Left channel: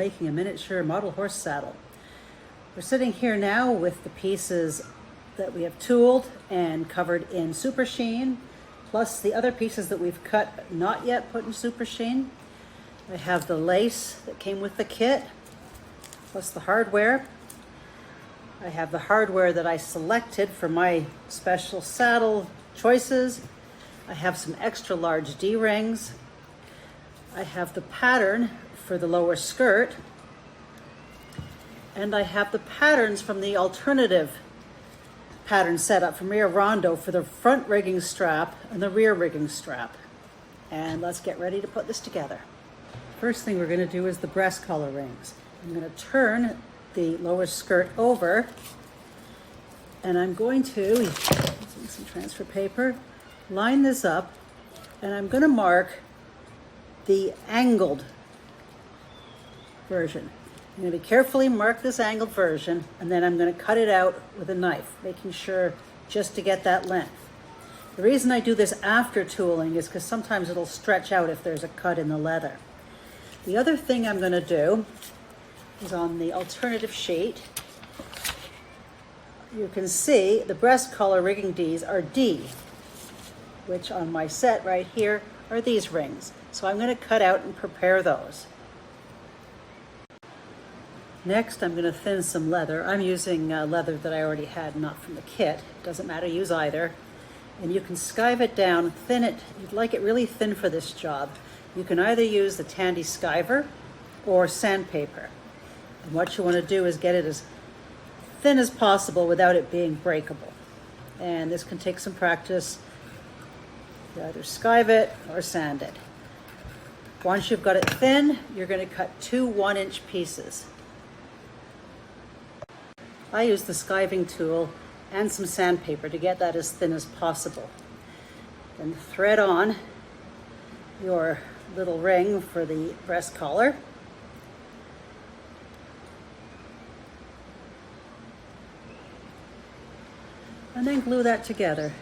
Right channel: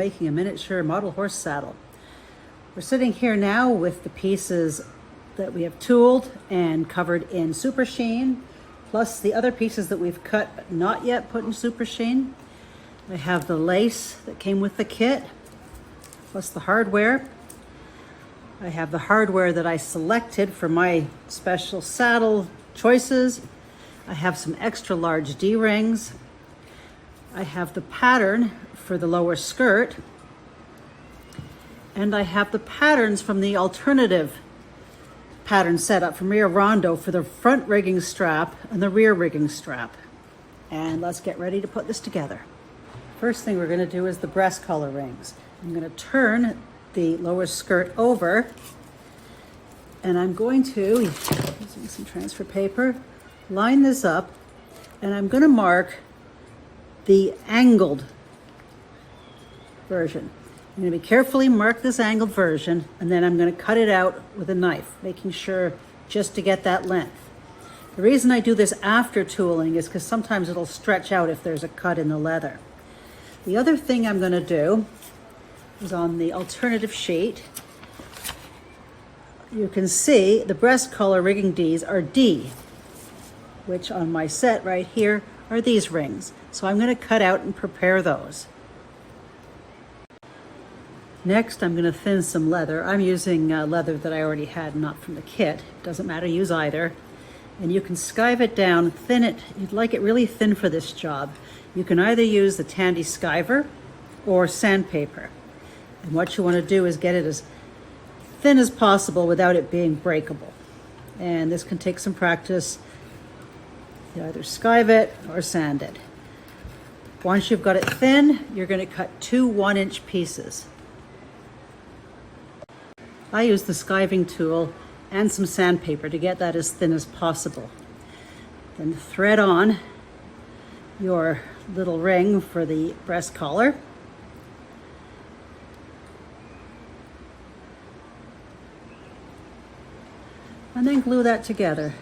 making a miniature model horse saddle. We're sitting here now with the pieces that we have tooled and covered in super sheen, plus the other pieces that we've cut but not yet put in super sheen. I have the lace that came with the kit, plus the hardware. I have the hardware that I selected for my special saddle choices. I have some extra large D-rings. I have the pattern for the lower skirt. And I have the patterns from the alternative pattern setup from Rio Rondo for the front rigging strap and the rear rigging strap. And let's get ready to put this together. First thing we're going to do is the breast collar rings. I'm going to turn the lower skirt over, and I'm going to, using some transfer paper, line this up, and I'm going to mark the angled version. I'm going to carefully mark this angled version, and then I'm going to cut it out with a knife, making sure just to get that length. The reason I do this after tooling is because sometimes it'll stretch out if there's a cut in the leather. The other thing I'm going to do is on the alternative sheet, you can see the breast collar rigging Ds are D, which on my set right here are these rings. So I'm going to cut out and prepare those. Next, I'm going to thin some leather. I'm using leather that I already had, not from the kit. Doesn't matter, use either. And you can skive it down, thin it. You'd like it really thin for this job. You can either use the Tandy Skiver or sandpaper. And what you want to do is get it as thin as possible without it being breakable. And this can take some practice. You either skive it or sand it. Once you've got it thin, you're going to cut two 1-inch pieces. I use the skiving tool and some sandpaper to get that as thin as possible. Then thread on your little ring for the breast collar. And then glue that together.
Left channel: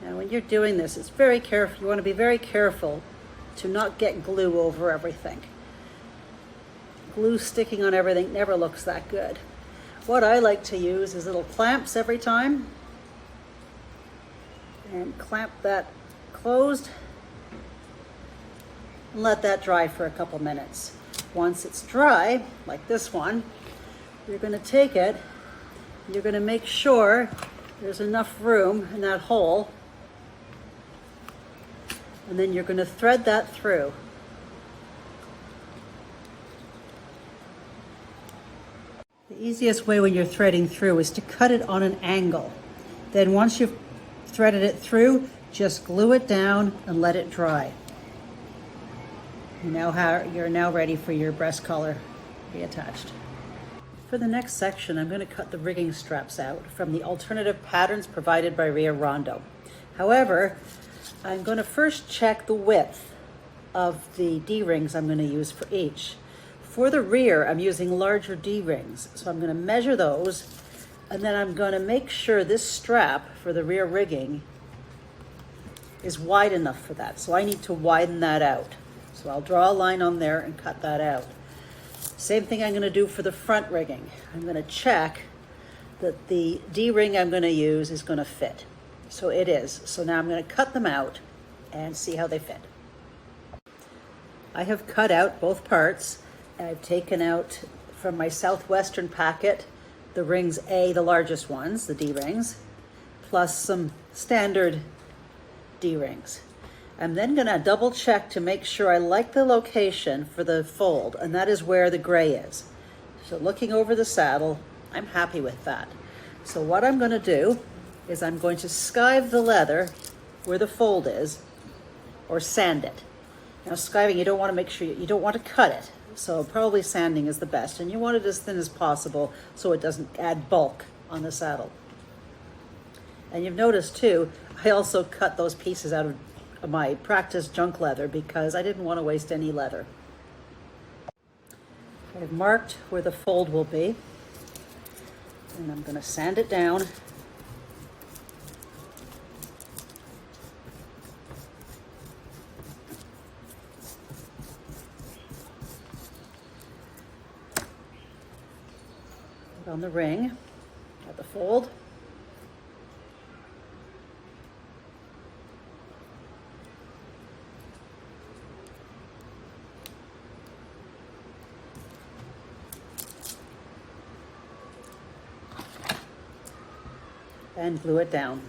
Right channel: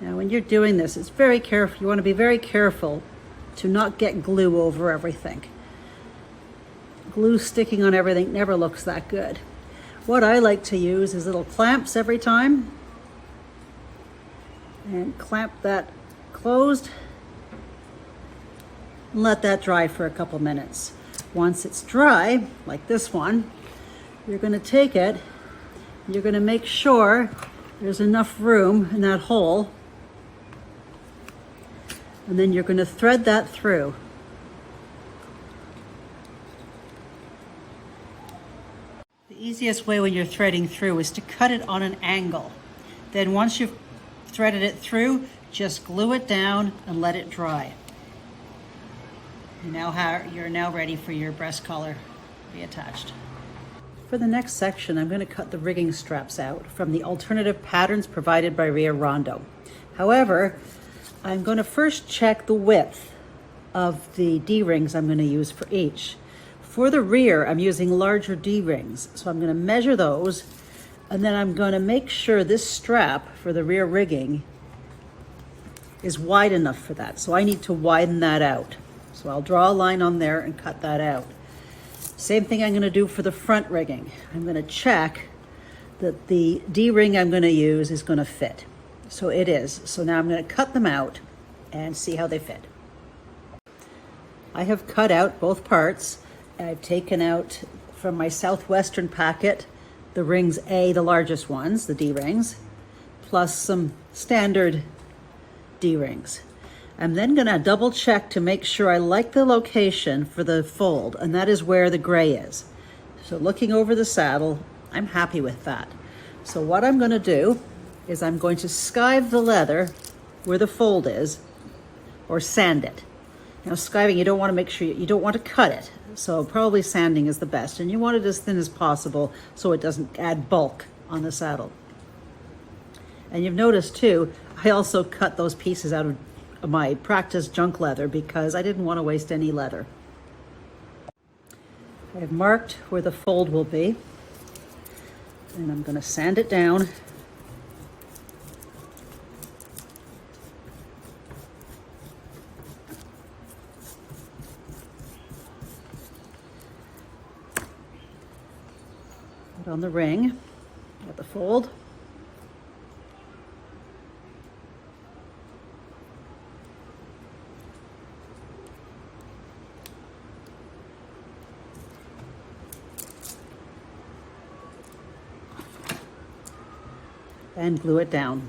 Now when you're doing this, it's very careful. You want to be very careful to not get glue over everything. Glue sticking on everything never looks that good. What I like to use is little clamps every time. And clamp that closed and let that dry for a couple minutes. Once it's dry, like this one, you're going to take it, you're going to make sure there's enough room in that hole, and then you're going to thread that through. The easiest way when you're threading through is to cut it on an angle. Then once you've threaded it through, just glue it down and let it dry. You're now ready for your breast collar to be attached. For the next section, I'm going to cut the rigging straps out from the alternative patterns provided by Rio Rondo. However, I'm going to first check the width of the D-rings I'm going to use for each. For the rear, I'm using larger D-rings, so I'm going to measure those, and then I'm going to make sure this strap for the rear rigging is wide enough for that. So I need to widen that out. So I'll draw a line on there and cut that out. Same thing I'm going to do for the front rigging. I'm going to check that the D-ring I'm going to use is going to fit. So it is. So now I'm going to cut them out and see how they fit. I have cut out both parts. I've taken out from my Southwestern packet the rings A, the largest ones, the D-rings, plus some standard D-rings. I'm then going to double check to make sure I like the location for the fold, and that is where the gray is. So looking over the saddle, I'm happy with that. So what I'm going to do is I'm going to skive the leather where the fold is, or sand it. Now skiving, you don't want to make sure, you don't want to cut it. So probably sanding is the best, and you want it as thin as possible so it doesn't add bulk on the saddle. And you've noticed too, I also cut those pieces out of my practice junk leather because I didn't want to waste any leather. I've marked where the fold will be, and I'm going to sand it down. Put on the ring at the fold. And glue it down.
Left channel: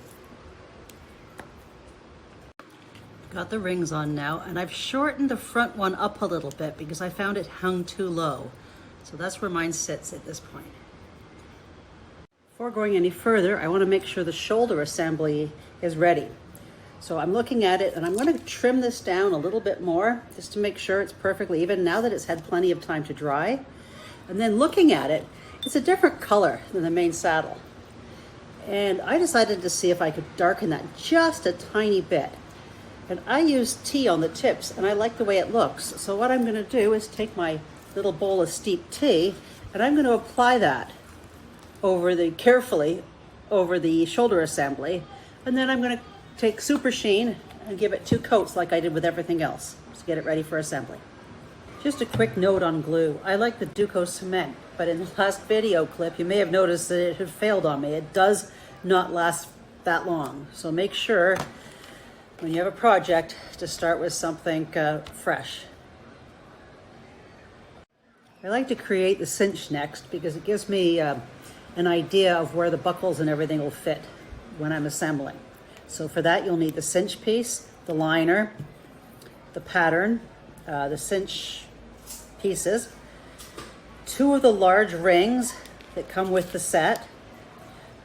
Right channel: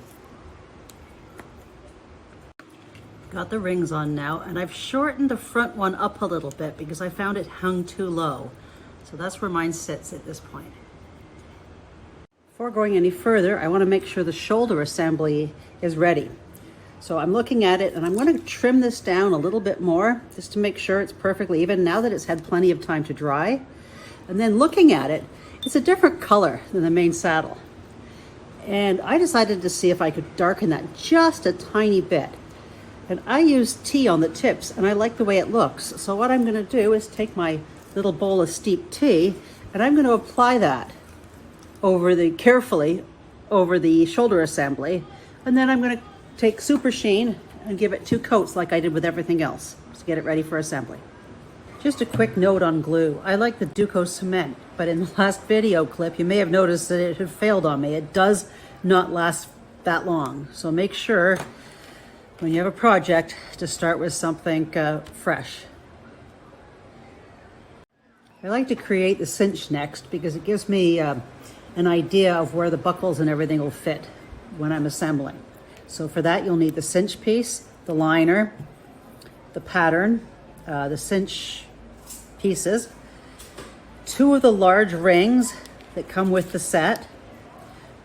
Got the rings on now, and I've shortened the front one up a little bit because I found it hung too low. So that's where mine sits at this point. Before going any further, I want to make sure the shoulder assembly is ready. So I'm looking at it, and I'm going to trim this down a little bit more just to make sure it's perfectly even now that it's had plenty of time to dry. And then looking at it, it's a different color than the main saddle. And I decided to see if I could darken that just a tiny bit. And I use tea on the tips, and I like the way it looks. So what I'm going to do is take my little bowl of steeped tea, and I'm going to apply that carefully over the shoulder assembly. And then I'm going to take Super Sheen and give it 2 coats like I did with everything else to get it ready for assembly. Just a quick note on glue. I like the Duco cement, but in the last video clip, you may have noticed that it had failed on me. It does not last that long. So make sure when you have a project to start with something fresh. I like to create the cinch next because it gives me an idea of where the buckles and everything will fit when I'm assembling. So for that, you'll need the cinch piece, the liner, the pattern, the cinch pieces, 2 of the large rings that come with the set,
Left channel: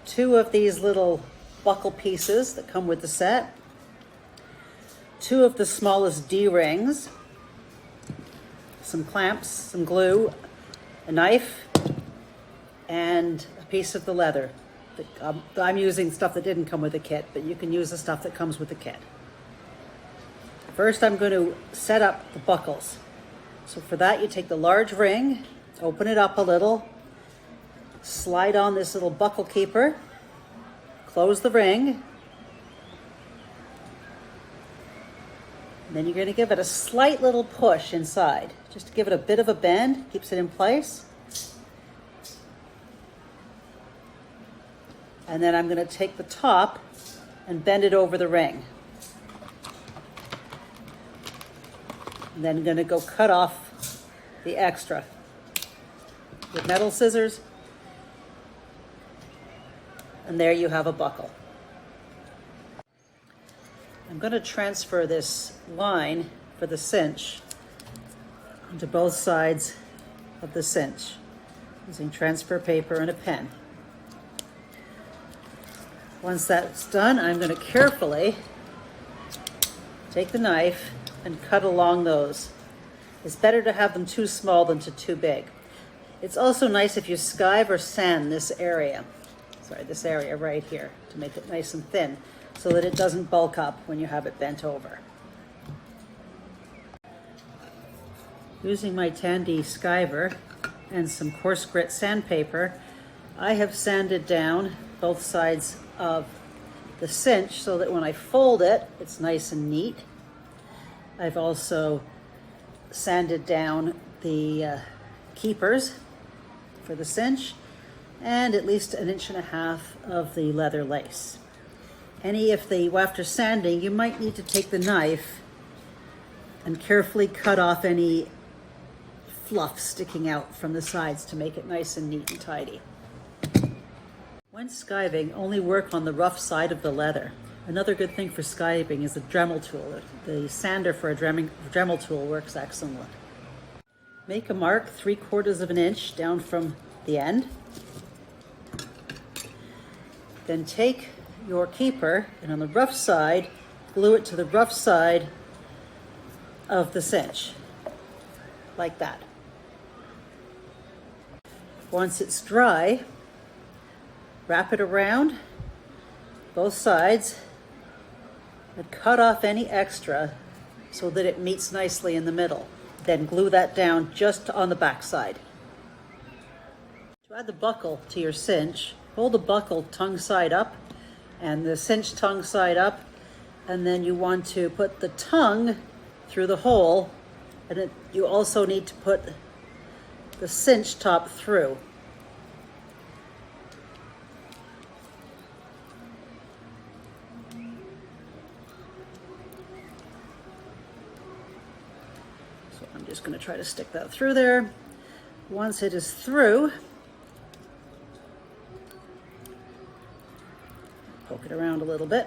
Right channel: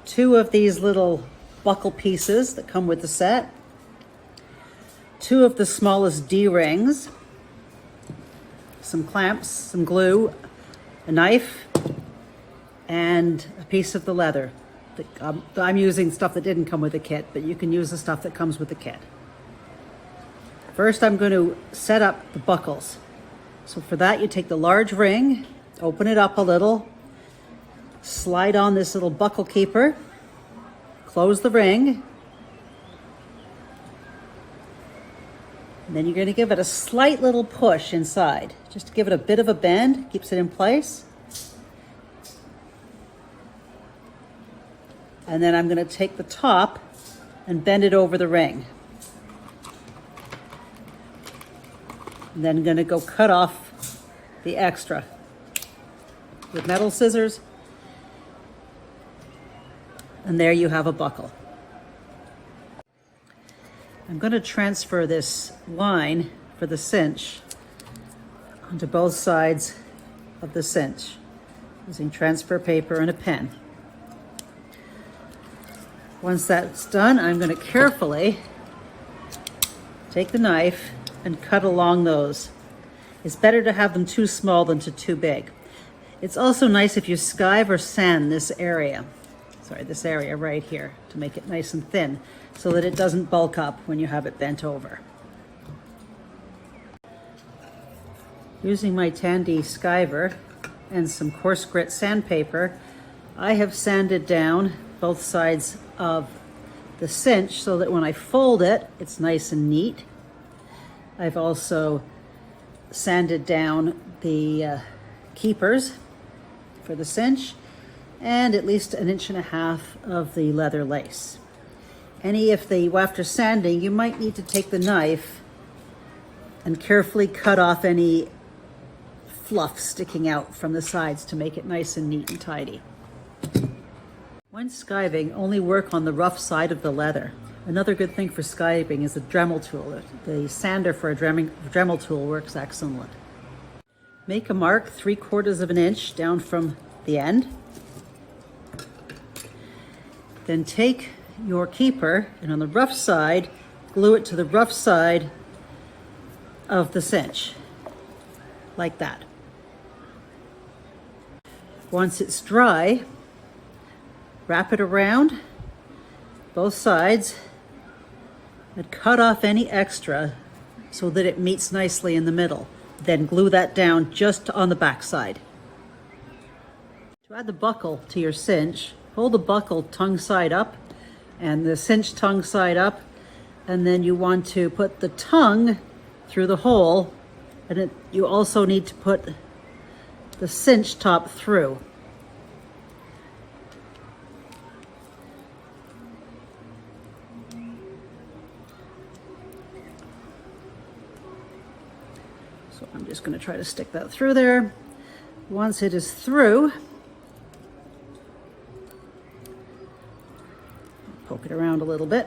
2 of these little buckle pieces that come with the set, 2 of the smallest D-rings, some clamps, some glue, a knife, and a piece of the leather. I'm using stuff that didn't come with the kit, but you can use the stuff that comes with the kit. First, I'm going to set up the buckles. So for that, you take the large ring, open it up a little, slide on this little buckle keeper, close the ring, and then you're going to give it a slight little push inside, just to give it a bit of a bend, keeps it in place. And then I'm going to take the top and bend it over the ring. And then I'm going to go cut off the extra with metal scissors. And there you have a buckle. I'm going to transfer this line for the cinch onto both sides of the cinch using transfer paper and a pen. Once that's done, I'm going to carefully take the knife and cut along those. It's better to have them too small than too big. It's also nice if you skive or sand this area right here to make it nice and thin so that it doesn't bulk up when you have it bent over. Using my Tandy skiver and some coarse grit sandpaper, I have sanded down both sides of the cinch so that when I fold it, it's nice and neat. I've also sanded down the keepers for the cinch and at least 1.5 inches of the leather lace. After sanding, you might need to take the knife and carefully cut off any fluff sticking out from the sides to make it nice and neat and tidy. When skiving, only work on the rough side of the leather. Another good thing for skiving is the Dremel tool. The sander for a Dremel tool works excellently. Make a mark 3/4 inch down from the end. Then take your keeper and on the rough side, glue it to the rough side of the cinch, like that. Once it's dry, wrap it around both sides and cut off any extra so that it meets nicely in the middle. Then glue that down just on the back side. To add the buckle to your cinch, hold the buckle tongue side up and the cinch tongue side up, and then you want to put the tongue through the hole, and you also need to put the cinch top through. just going to try to stick that through there. Once it is through, poke it around a little bit.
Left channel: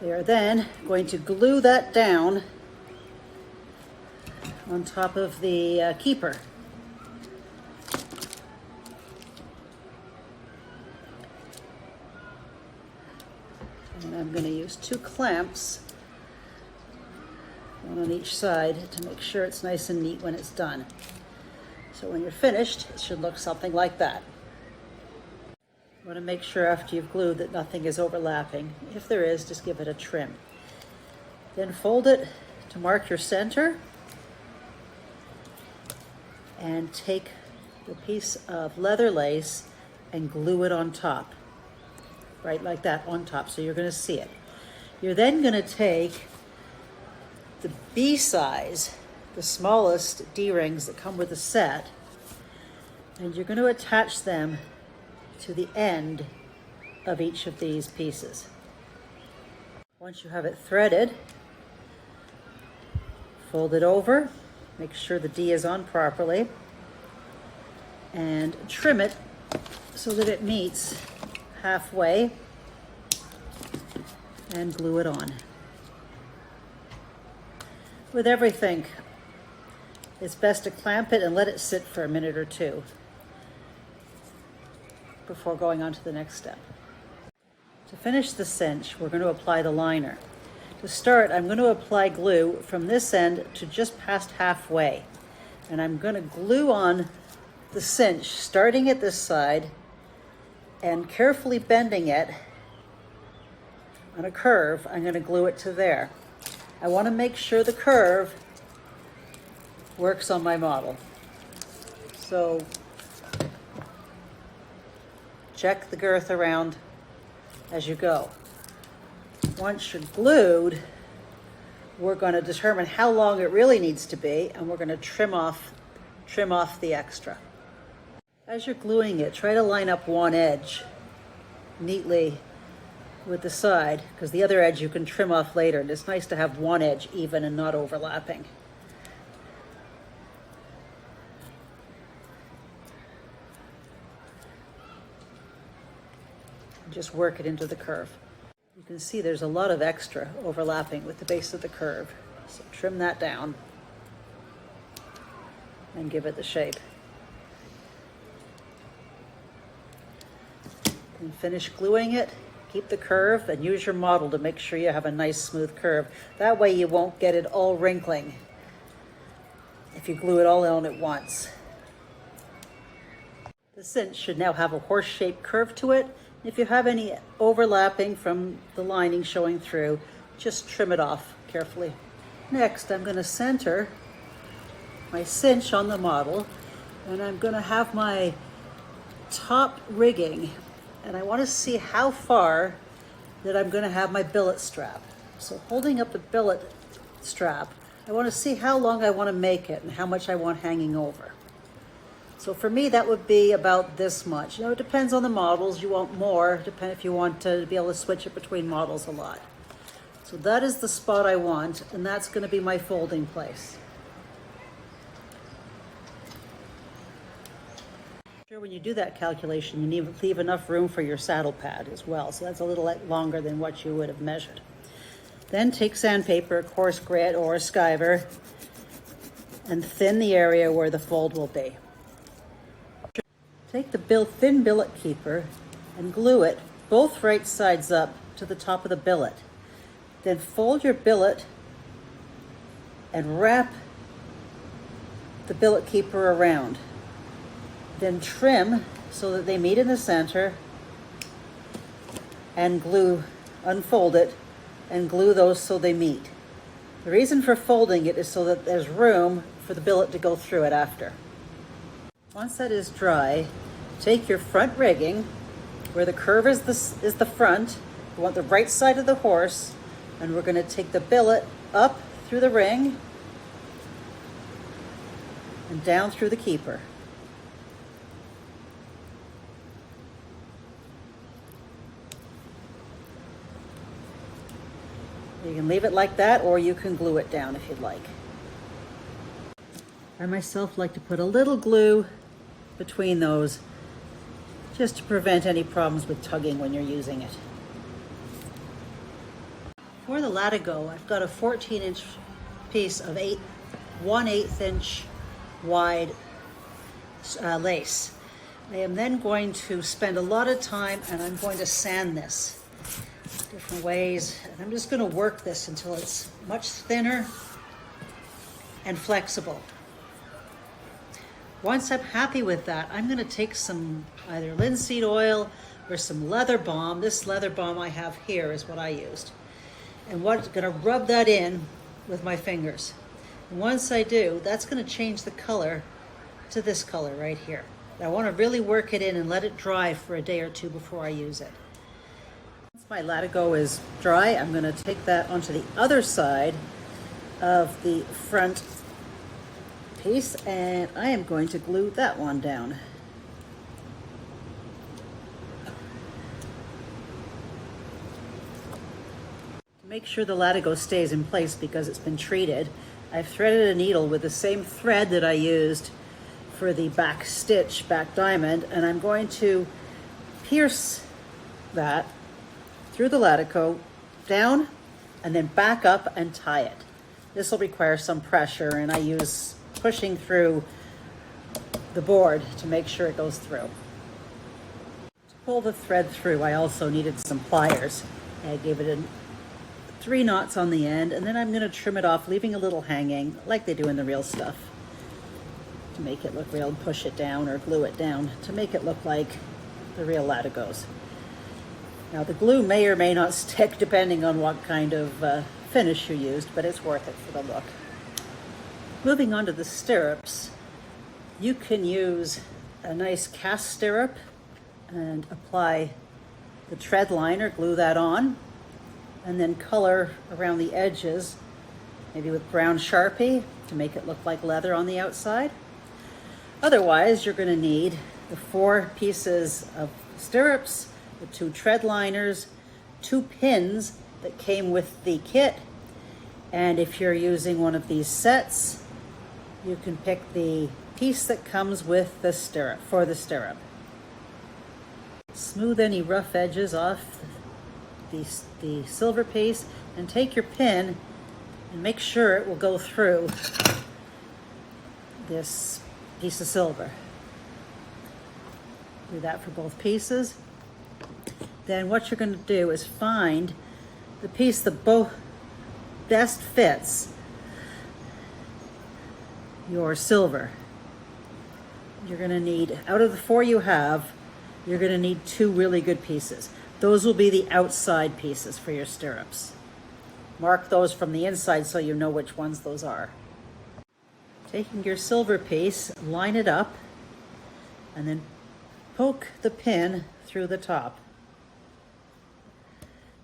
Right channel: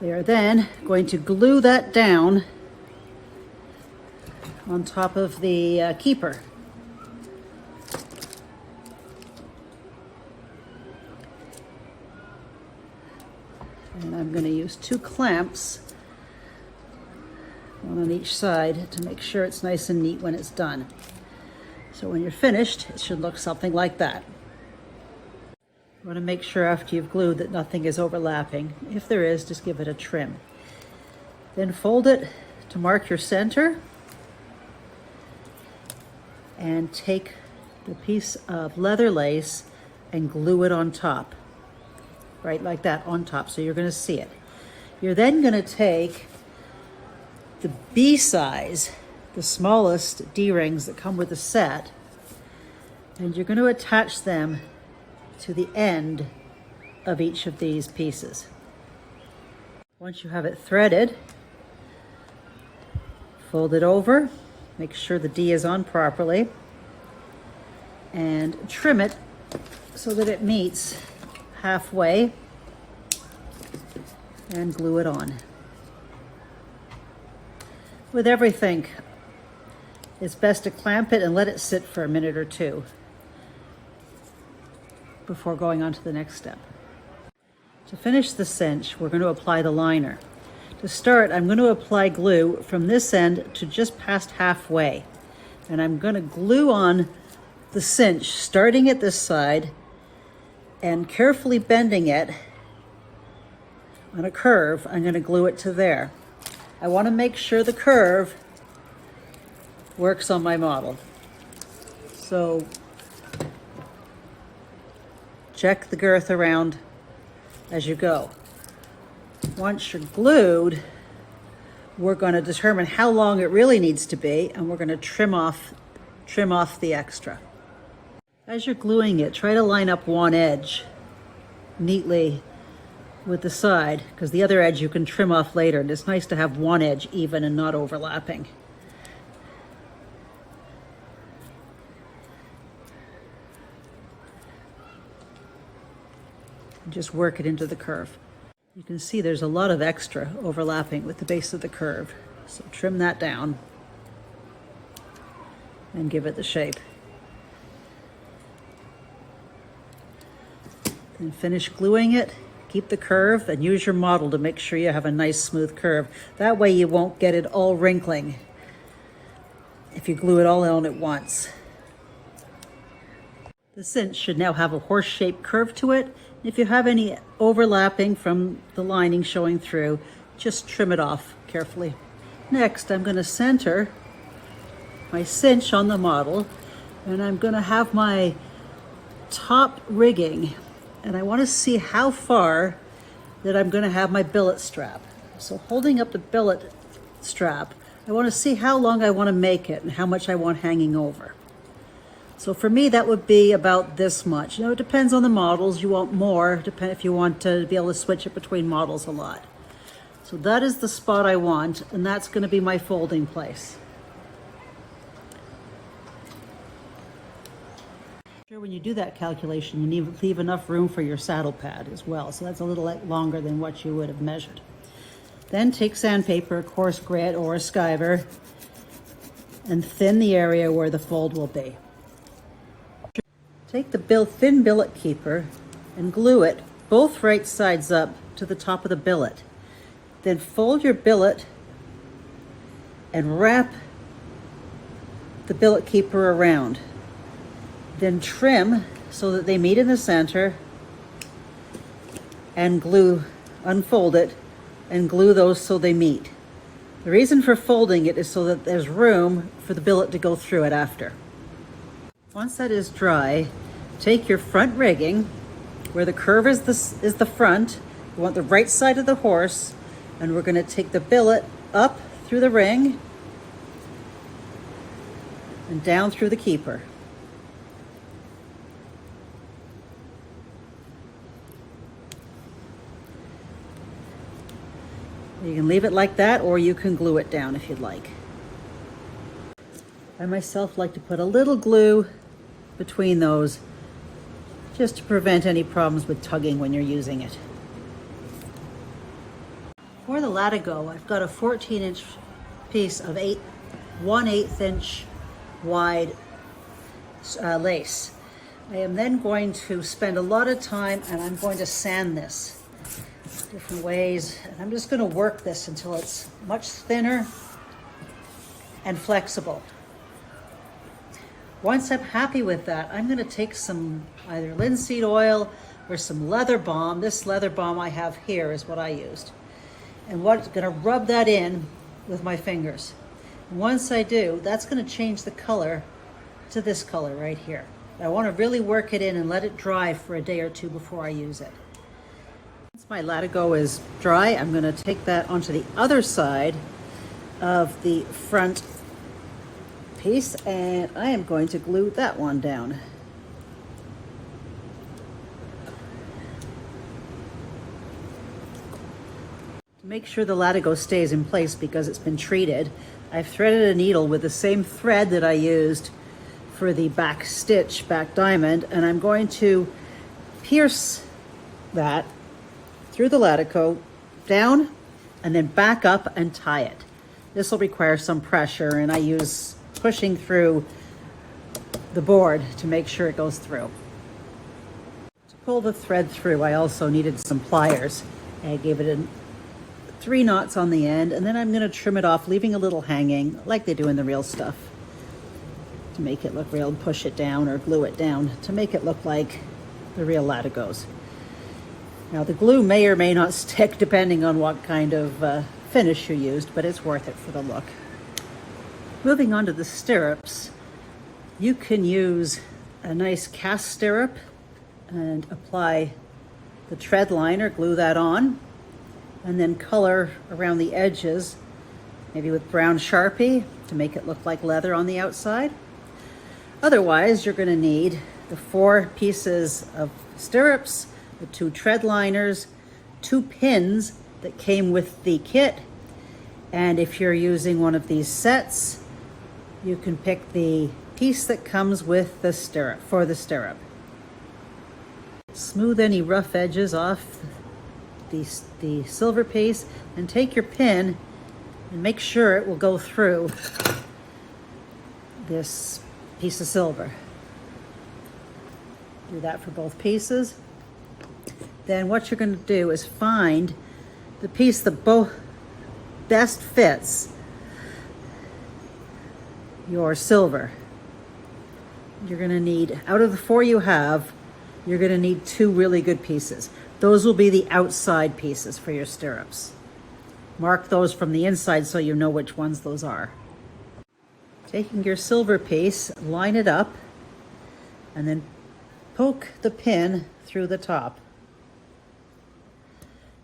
We are then going to glue that down on top of the keeper. And I'm going to use 2 clamps, one on each side, to make sure it's nice and neat when it's done. So when you're finished, it should look something like that. You want to make sure after you've glued that nothing is overlapping. If there is, just give it a trim. Then fold it to mark your center, and take a piece of leather lace and glue it on top. Right like that, on top, so you're going to see it. You're then going to take the B size, the smallest D-rings that come with the set, and you're going to attach them to the end of each of these pieces. Once you have it threaded, fold it over, make sure the D is on properly, and trim it so that it meets halfway, and glue it on. With everything, it's best to clamp it and let it sit for a minute or 2 before going on to the next step. To finish the cinch, we're going to apply the liner. To start, I'm going to apply glue from this end to just past halfway. And I'm going to glue on the cinch, starting at this side and carefully bending it on a curve. I'm going to glue it to there. I want to make sure the curve works on my model. So check the girth around as you go. Once you're glued, we're going to determine how long it really needs to be, and we're going to trim off the extra. As you're gluing it, try to line up one edge neatly with the side, because the other edge you can trim off later, and it's nice to have one edge even and not overlapping. Just work it into the curve. You can see there's a lot of extra overlapping with the base of the curve, so trim that down and give it the shape. And finish gluing it. Keep the curve and use your model to make sure you have a nice smooth curve. That way you won't get it all wrinkling if you glue it all on at once. The cinch should now have a horse-shaped curve to it. If you have any overlapping from the lining showing through, just trim it off carefully. Next, I'm going to center my cinch on the model, and I'm going to have my top rigging, and I want to see how far that I'm going to have my billet strap. So holding up the billet strap, I want to see how long I want to make it and how much I want hanging over. So for me, that would be about this much. It depends on the models. You want more, if you want to be able to switch it between models a lot. So that is the spot I want, and that's going to be my folding place. When you do that calculation, you need to leave enough room for your saddle pad as well. So that's a little longer than what you would have measured. Then take sandpaper, coarse grit, or a skiver, and thin the area where the fold will be. Take the thin billet keeper and glue it both right sides up to the top of the billet. Then fold your billet and wrap the billet keeper around. Then trim so that they meet in the center, and unfold it and glue those so they meet. The reason for folding it is so that there's room for the billet to go through it after. Once that is dry, take your front rigging, where the curve is the front. You want the right side of the horse, and we're going to take the billet up through the ring and down through the keeper. You can leave it like that, or you can glue it down if you'd like. I myself like to put a little glue between those just to prevent any problems with tugging when you're using it. For the Latigo, I've got a 14-inch piece of 1/8 inch wide lace. I am then going to spend a lot of time and I'm going to sand this different ways. And I'm just going to work this until it's much thinner and flexible. Once I'm happy with that, I'm going to take some either linseed oil or some leather balm. This leather balm I have here is what I used. And I'm going to rub that in with my fingers. And once I do, that's going to change the color to this color right here. And I want to really work it in and let it dry for a day or two before I use it. Once my Latigo is dry, I'm going to take that onto the other side of the front piece, and I am going to glue that one down. To make sure the Latigo stays in place because it's been treated, I've threaded a needle with the same thread that I used for the back stitch, back diamond, and I'm going to pierce that through the Latigo down and then back up and tie it. This will require some pressure, and I use pushing through the board to make sure it goes through. To pull the thread through, I also needed some pliers. I gave it 3 knots on the end, and then I'm going to trim it off, leaving a little hanging like they do in the real stuff to make it look real, and push it down or glue it down to make it look like the real Latigos. Now the glue may or may not stick depending on what kind of finish you used, but it's worth it for the look. Moving on to the stirrups, you can use a nice cast stirrup and apply the tread liner, glue that on, and then color around the edges, maybe with brown Sharpie to make it look like leather on the outside. Otherwise, you're going to need the 4 pieces of stirrups, the 2 tread liners, 2 pins that came with the kit, and if you're using one of these sets, you can pick the piece that comes with the stirrup, for the stirrup. Smooth any rough edges off the silver piece and take your pin and make sure it will go through this piece of silver. Do that for both pieces. Then what you're going to do is find the piece that best fits your silver. You're going to need, out of the 4 you have, you're going to need 2 really good pieces. Those will be the outside pieces for your stirrups. Mark those from the inside so you know which ones those are. Taking your silver piece, line it up, and then poke the pin through the top.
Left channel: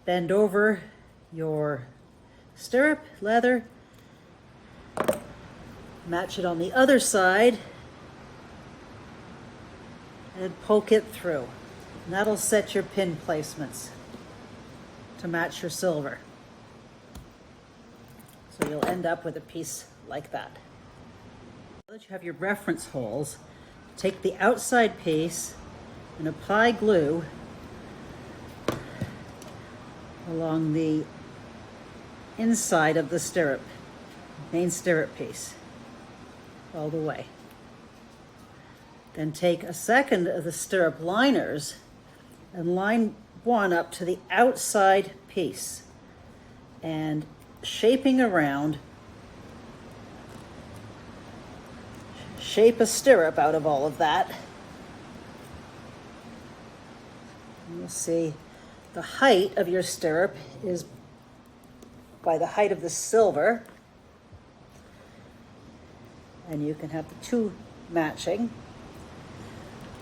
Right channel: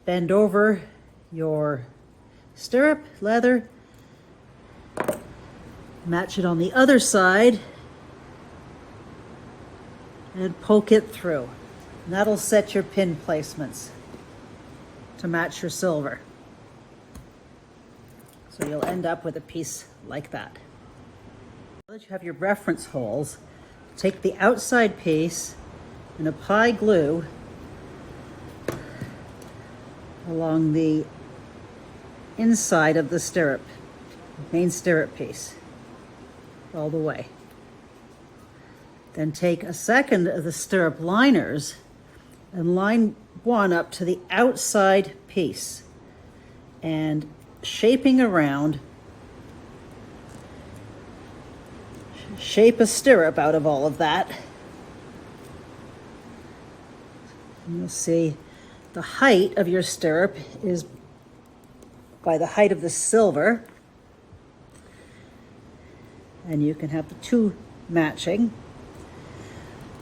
Bend over your stirrup leather, match it on the other side, and poke it through. And that'll set your pin placements to match your silver. So you'll end up with a piece like that. Now that you have your reference holes, take the outside piece and apply glue along the inside of the stirrup, main stirrup piece, all the way. Then take a second of the stirrup liners and line one up to the outside piece and shaping around, shape a stirrup out of all of that. And you'll see the height of your stirrup is by the height of the silver, and you can have the 2 matching.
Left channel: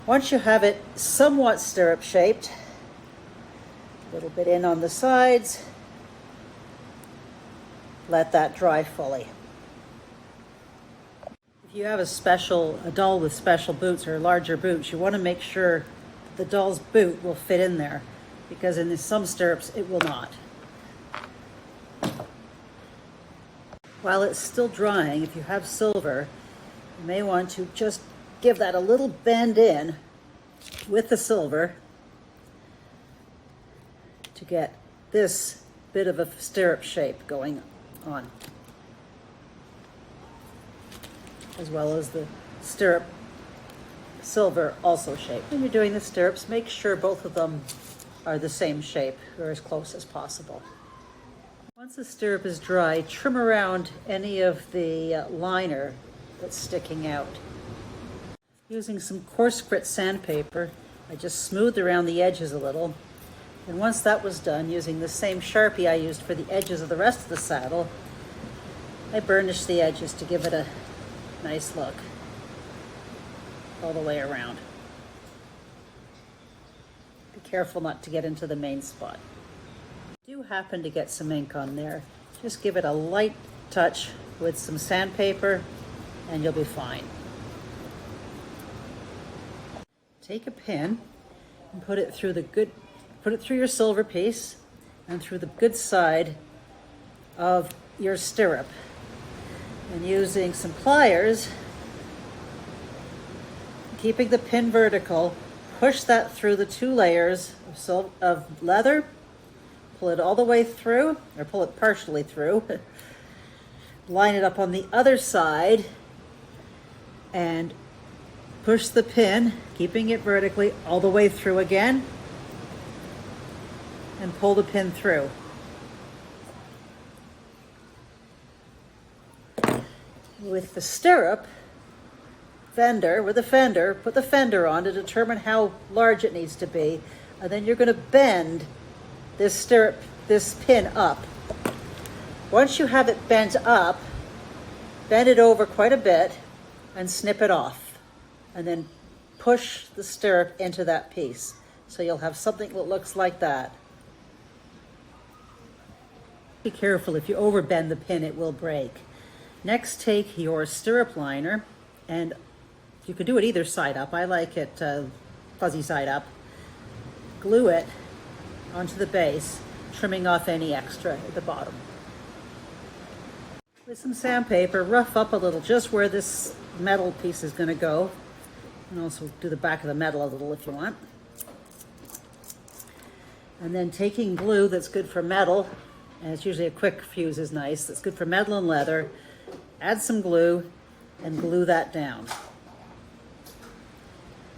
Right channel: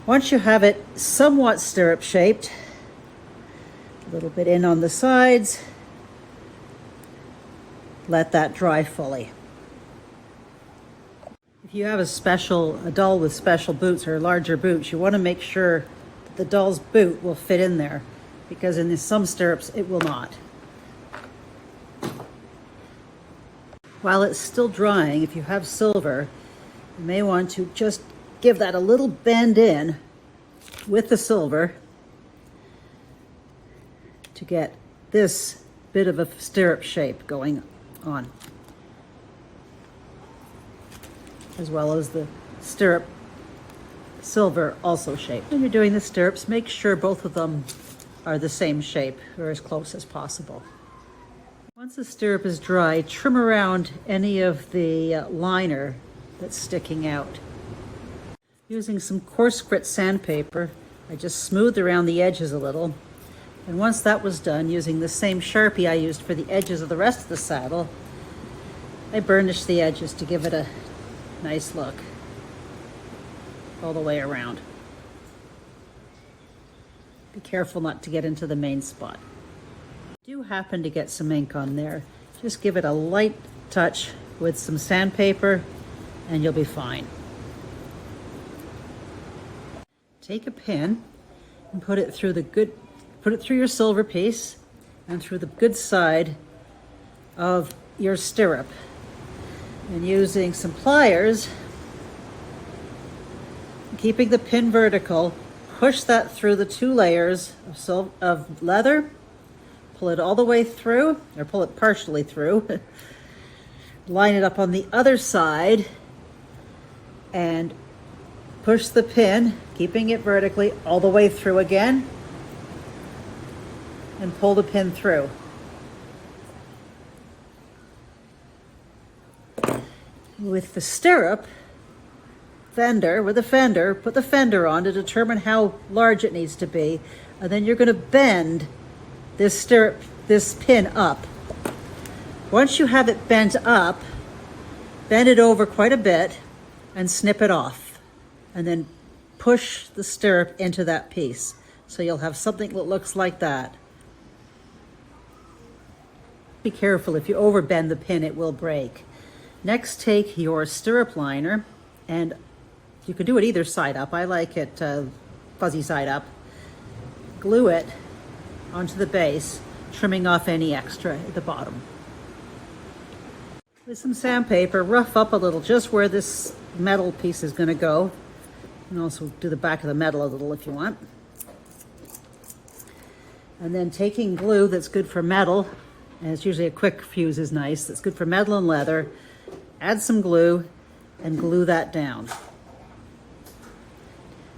Once you have it somewhat stirrup shaped, a little bit in on the sides, let that dry fully. If you have a doll with special boots or larger boots, you want to make sure the doll's boot will fit in there, because in some stirrups it will not. While it's still drying, if you have silver, You may want to just give that a little bend in with the silver to get this bit of a stirrup shape going on, as well as the stirrup silver also shaped. When you're doing the stirrups, make sure both of them are the same shape or as close as possible. Once the stirrup is dry, trim around any of the liner that's sticking out. Using some coarse grit sandpaper, I just smoothed around the edges a little. And once that was done, using the same Sharpie I used for the edges of the rest of the saddle, I burnished the edges to give it a nice look all the way around. Be careful not to get into the main spot. If you do happen to get some ink on there, just give it a light touch with some sandpaper and you'll be fine. Take a pin and put it through your silver piece and through the good side of your stirrup. And using some pliers, keeping the pin vertical, push that through the 2 layers of leather, pull it all the way through, or pull it partially through, line it up on the other side, and push the pin, keeping it vertically, all the way through again, and pull the pin through. With the stirrup fender, put the fender on to determine how large it needs to be, and then you're going to bend this pin up. Once you have it bent up, bend it over quite a bit and snip it off, and then push the stirrup into that piece. So you'll have something that looks like that. Be careful, if you overbend the pin, it will break. Next, take your stirrup liner, and you can do it either side up. I like it fuzzy side up. Glue it onto the base, trimming off any extra at the bottom. With some sandpaper, rough up a little just where this metal piece is going to go. You can also do the back of the metal a little if you want. And then taking glue that's good for metal, and it's usually a quick fuse is nice, that's good for metal and leather, add some glue and glue that down.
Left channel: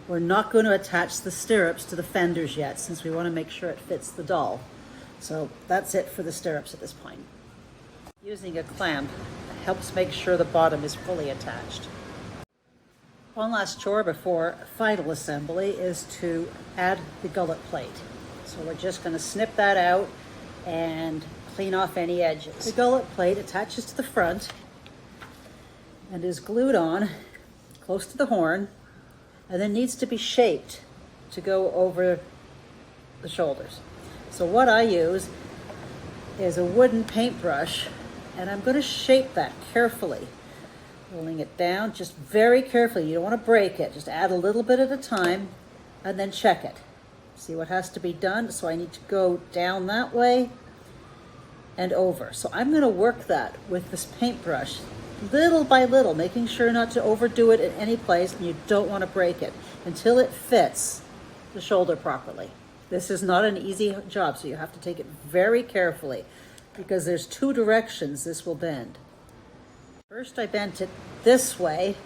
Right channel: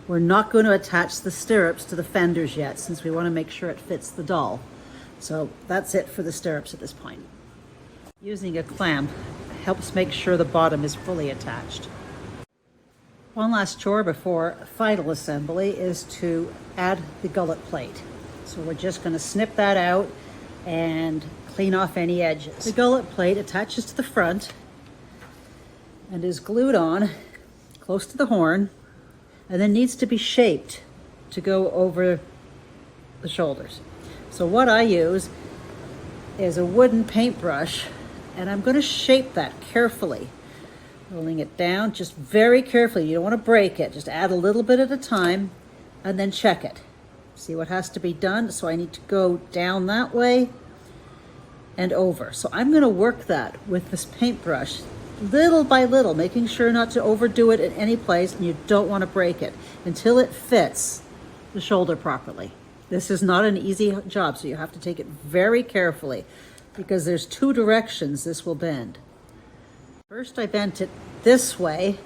We're not going to attach the stirrups to the fenders yet, since we want to make sure it fits the doll. So that's it for the stirrups at this point. Using a clamp helps make sure the bottom is fully attached. One last chore before final assembly is to add the gullet plate. So we're just going to snip that out and clean off any edges. The gullet plate attaches to the front and is glued on close to the horn, and then needs to be shaped to go over the shoulders. So what I use is a wooden paintbrush, and I'm going to shape that carefully, rolling it down just very carefully. You don't want to break it, just add a little bit at a time and then check it. See what has to be done. So I need to go down that way and over. So I'm going to work that with this paintbrush little by little, making sure not to overdo it in any place, and you don't want to break it until it fits the shoulder properly. This is not an easy job, so you have to take it very carefully because there's 2 directions this will bend. First I bent it this way,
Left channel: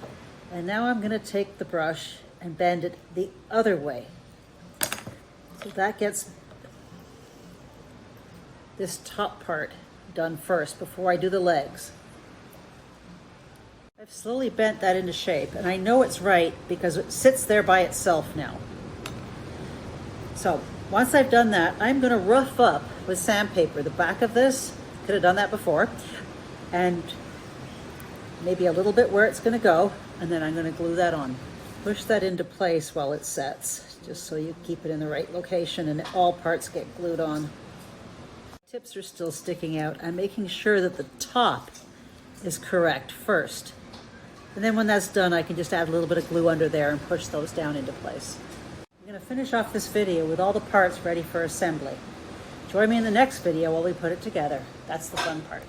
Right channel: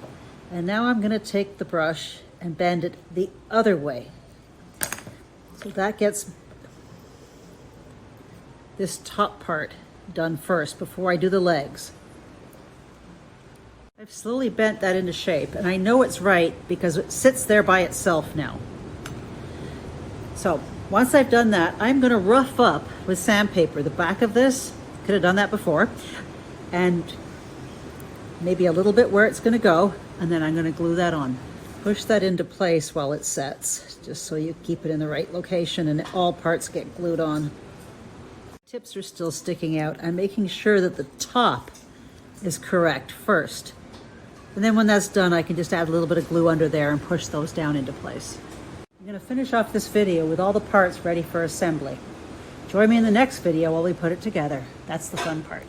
and now I'm going to take the brush and bend it the other way. So that gets this top part done first before I do the legs. I've slowly bent that into shape, and I know it's right because it sits there by itself now. So once I've done that, I'm going to rough up with sandpaper the back of this. Could have done that before, and maybe a little bit where it's going to go, and then I'm going to glue that on. Push that into place while it sets, just so you keep it in the right location and all parts get glued on. Tips are still sticking out. I'm making sure that the top is correct first. And then when that's done, I can just add a little bit of glue under there and push those down into place. I'm going to finish off this video with all the parts ready for assembly. Join me in the next video while we put it together. That's the fun part.